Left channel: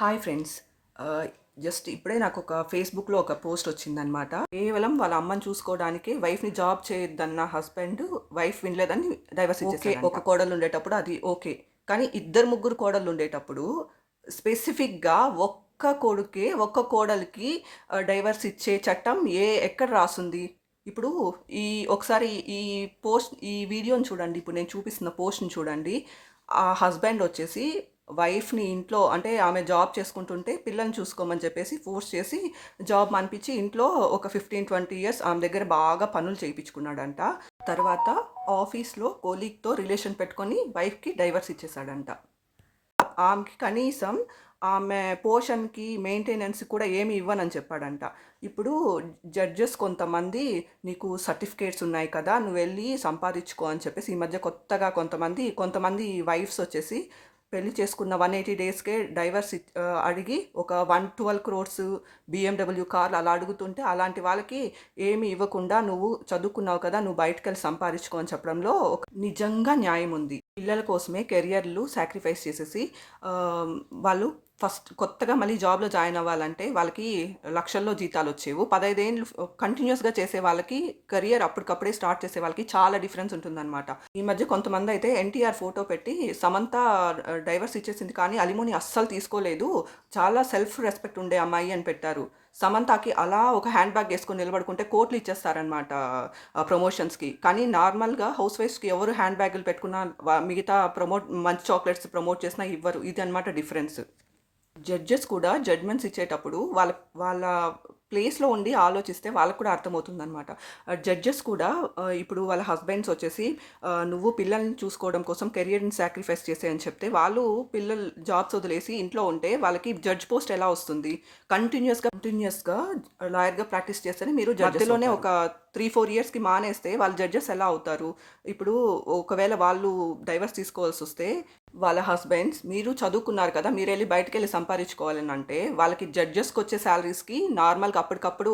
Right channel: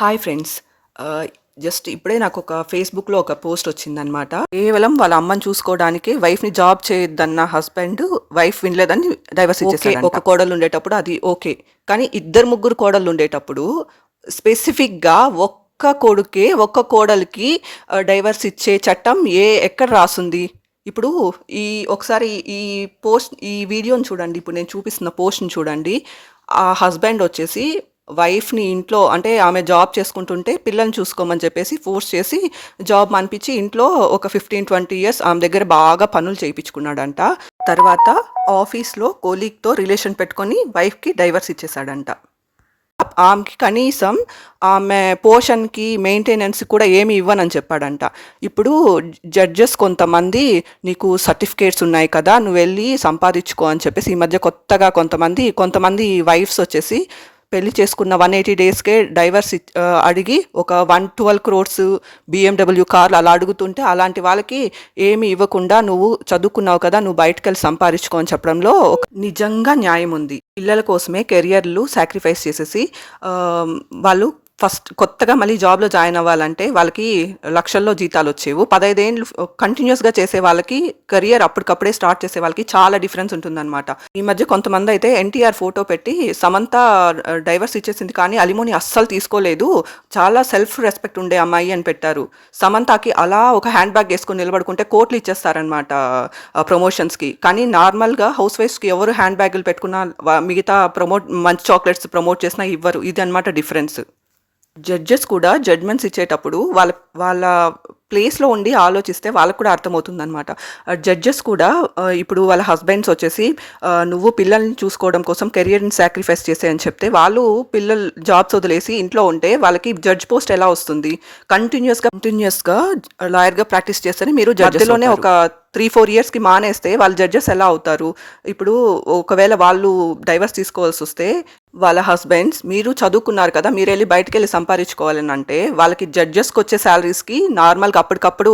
Hi friends. Just ఇప్పుడే నాకు ఒక ఫేస్బుక్లో ఒక పోస్ట్ వచ్చిందనమాట. కేవలం వాళ్ళ అమ్మని చూసుకోవడానికి వైఫ్ని జాబ్ చేయొద్దన్న హస్బెండ్ వైఫ్ వినలేదని డైవర్స్ ఇచ్చేసాడంట. ఒక కోడలు ఉండేటప్పుడు అది ఓకే, కానీ ఇద్దరు ముగ్గురు కోడళ్ళు ఉండేటప్పుడు స్పెసిఫిక్గా ఒక్క కోడలికి డైవర్స్ ఇచ్చే చట్టం ఎక్కడ రాసుంది? ఇప్పుడు ఈ ఒకసారి ఈ వీడియోని చూడండి. ఇప్పుడు నేను చూపిస్తున్న పోస్ట్ని చూడండి. ఆ హస్బెండ్ వచ్చేసి వైఫ్ని ఇంట్లో, అంటే ఆమె జాబ్ చేసుకుంటుంటే పిల్లల్ని చూసుకోమని చెప్పేసి ఫోర్స్ చేసి జాబ్ మానిపించి ఇంట్లో ఒక 15-20 ఇయర్స్ ఆమె దగ్గర బాగా పనులు చేయించుకున్నాడంట. తర్వాత ఆఫీస్లో కోలీగ్తో రిలేషన్ పెట్టుకొని వైఫ్కి డైవర్స్ ఇచ్చేసాడంట. ఆమెకి కనీసం ఆమె పోషన్కి మెయింటెనెన్స్ కూడా ఏమి ఇవ్వనని చెప్పాడంట. ఇప్పుడు జడ్జెస్ కొంతమంది నీకు సర్టిఫికేట్స్ ఉన్నాయి కదా, నువ్వు వెళ్ళి సంపాదించుకో అని చెప్పేసి ఈ మధ్య కొత్తగా కొంతమంది వైఫ్స్ వచ్చేసి పెళ్లి చేసుకున్న 180 డేస్కే డైవర్స్ అడిగి ఒక 112 crores BMW కార్లు అలా అడుగుతుంటే, అలాంటి వాళ్ళకి ఏమి ఇవ్వకుండా నువ్వు చదువుకున్నావు కదా, నువ్వు బయటకు వెళ్ళి సంపాదించుకో అని చెప్పడంలో నిజంగా న్యాయం ఉంది. పిల్లల కోసమే కెరియర్లు సాక్రిఫైస్ చేసేసి వాళ్ళు ఫస్ట్ కొత్తగా మళ్ళీ జాబ్లో జాయిన్ అవ్వాలంటే వాళ్ళకి లక్షల్లో జీతాలు వచ్చేవు. 15 ఏళ్ళు కంటిన్యూస్గా చేసే వాళ్ళకి, కెరియర్ అప్పటికప్పుడే స్టార్ట్ చేసే వాళ్ళకి చాలా డిఫరెన్స్ ఉంటుందన్నమాట. ఈ మధ్య కొంతమంది అయితే ఎన్టీఆర్ ఫోటో పెట్టి సమంత డైవర్స్ ఇచ్చేసింది కానీ అలిమోని అస్సలు తీసుకోలేదు, చాలా సెల్ఫ్ రెస్పెక్ట్ ఉండే అమ్మాయి అని పెట్టారు. సమంతకి అలా ఒక హ్యాండ్ బ్యాగ్ వేసుకొని నిలబడుకుంటే కోట్లు ఇచ్చేస్తారనమాట ప్రమోషన్స్కి. కానీ నార్మల్గా హౌస్ వైఫ్స్కి ఎవరు హ్యాండ్ బ్యాగులు పెట్టుకున్నా మిగతా మంచి చాక్లెట్స్ ప్రమోట్ చేసినా ఇవ్వరు. ఇది అనమాట డిఫరెన్స్. జడ్జెస్ కూడా జడ్జ్మెంట్స్ ఇచ్చేటప్పుడు వాళ్ళ వాళ్ళ ప్లేస్లో ఉండి ఆలోచిస్తే వాళ్ళకు కూడా అర్థమవుతుందన్నమాట. జడ్జెస్ కూడా ఇప్పుడు వాళ్ళ హస్బెండ్స్ వచ్చేసి నువ్వు పిల్లల్ని చూసుకోవడం కోసం కెరియర్ని సాక్రిఫైస్ చేసే అని చెప్తే, వాళ్ళు పిల్లలు జాబ్స్ వదిలేసి ఇంట్లో ఉంటే వాళ్ళకి జడ్జ్ పోస్ట్ ఎలా వస్తుంది? కంటిన్యూస్గా లాయర్గా ప్రాక్టీస్ చేస్తేనే మీరు జడ్జిలోనే ఒక 3-4 ఇయర్స్కి మానేస్తే వాళ్ళు జడ్జెస్ ఎలా అవుతారు? ఇప్పుడు ఒకవేళ వాళ్ళు డైవర్స్ తీసుకోవాల్సి వస్తే వాళ్ళ హస్బెండ్స్, మీరు చదువుకున్నారు కదా, మీరు వెళ్ళి బయటకు వెళ్ళి సంపాదించుకోవాలని అంటే వాళ్ళకి జడ్జెస్కి వచ్చే శాలరీస్కి నార్మల్గా అప్పటికప్పుడు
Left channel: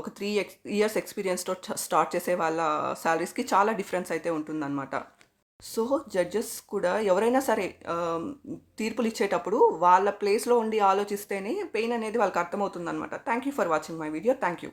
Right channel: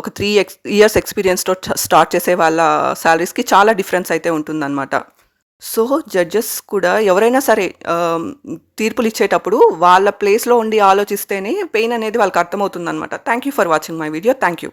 ఒక 3 years ఎక్స్పీరియన్స్తో స్టార్ట్ చేసే వాళ్ళ శాలరీస్కి చాలా డిఫరెన్స్ అయితే ఉంటుందన్నమాట. సో జడ్జెస్ కూడా ఎవరైనా సరే తీర్పులు ఇచ్చేటప్పుడు వాళ్ళ ప్లేస్లో ఉండి ఆలోచిస్తేనే పెయిన్ అనేది వాళ్ళకి అర్థమవుతుందన్నమాట. Thank you for watching my video. Thank you.